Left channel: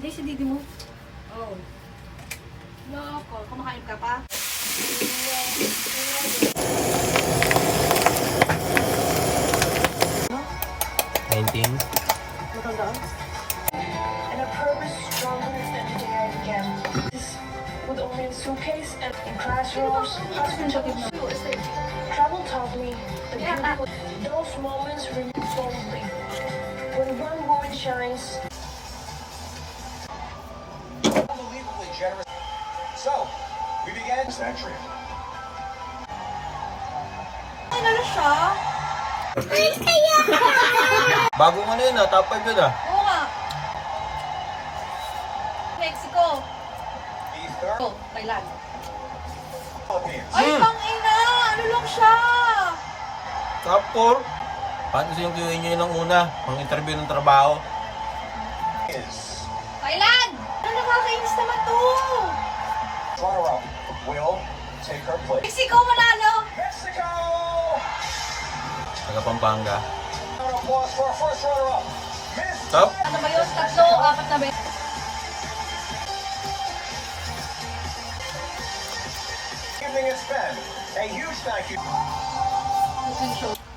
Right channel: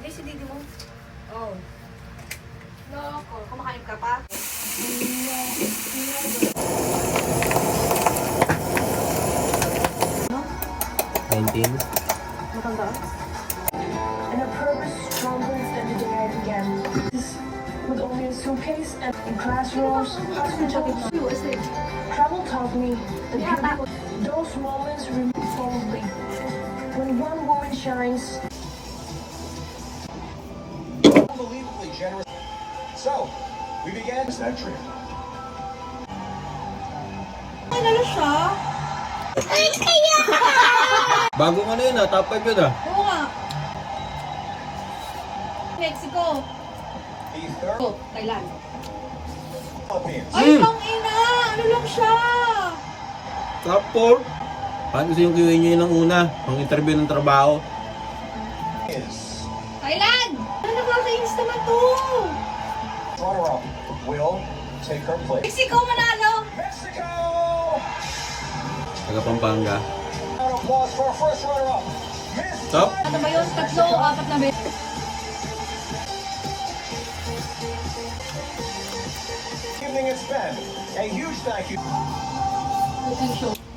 Hindi si Didi mo. Oh. Loko, kumakain ka pa? And a purpose stronger than the day I began. With only a suitcase and in classrooms, hospitals, travel taught me that those moments renew boldly. When one woman shines, Unbelievably generous. So, we began that trip. Ay, nalo siya? Bago mo na yun top 5 yun Oo nga. Mexico. The third Oh, Thailand. Philippines. Ay, tang ina! Ano lang siya? Top 4. Paano kasi yung kiwi nyo yun ng una? Pang interview ng trabaho. Is Thailand! Ano nakakainis naman to? runner-up will take her place. Mexico manalo! Mexico! Taga Pampanga. Round of applause for our first runner-up, Miss Top. Ano ba yun? Tatlo, apat na ba? Evening it's been a huge thank you. Position.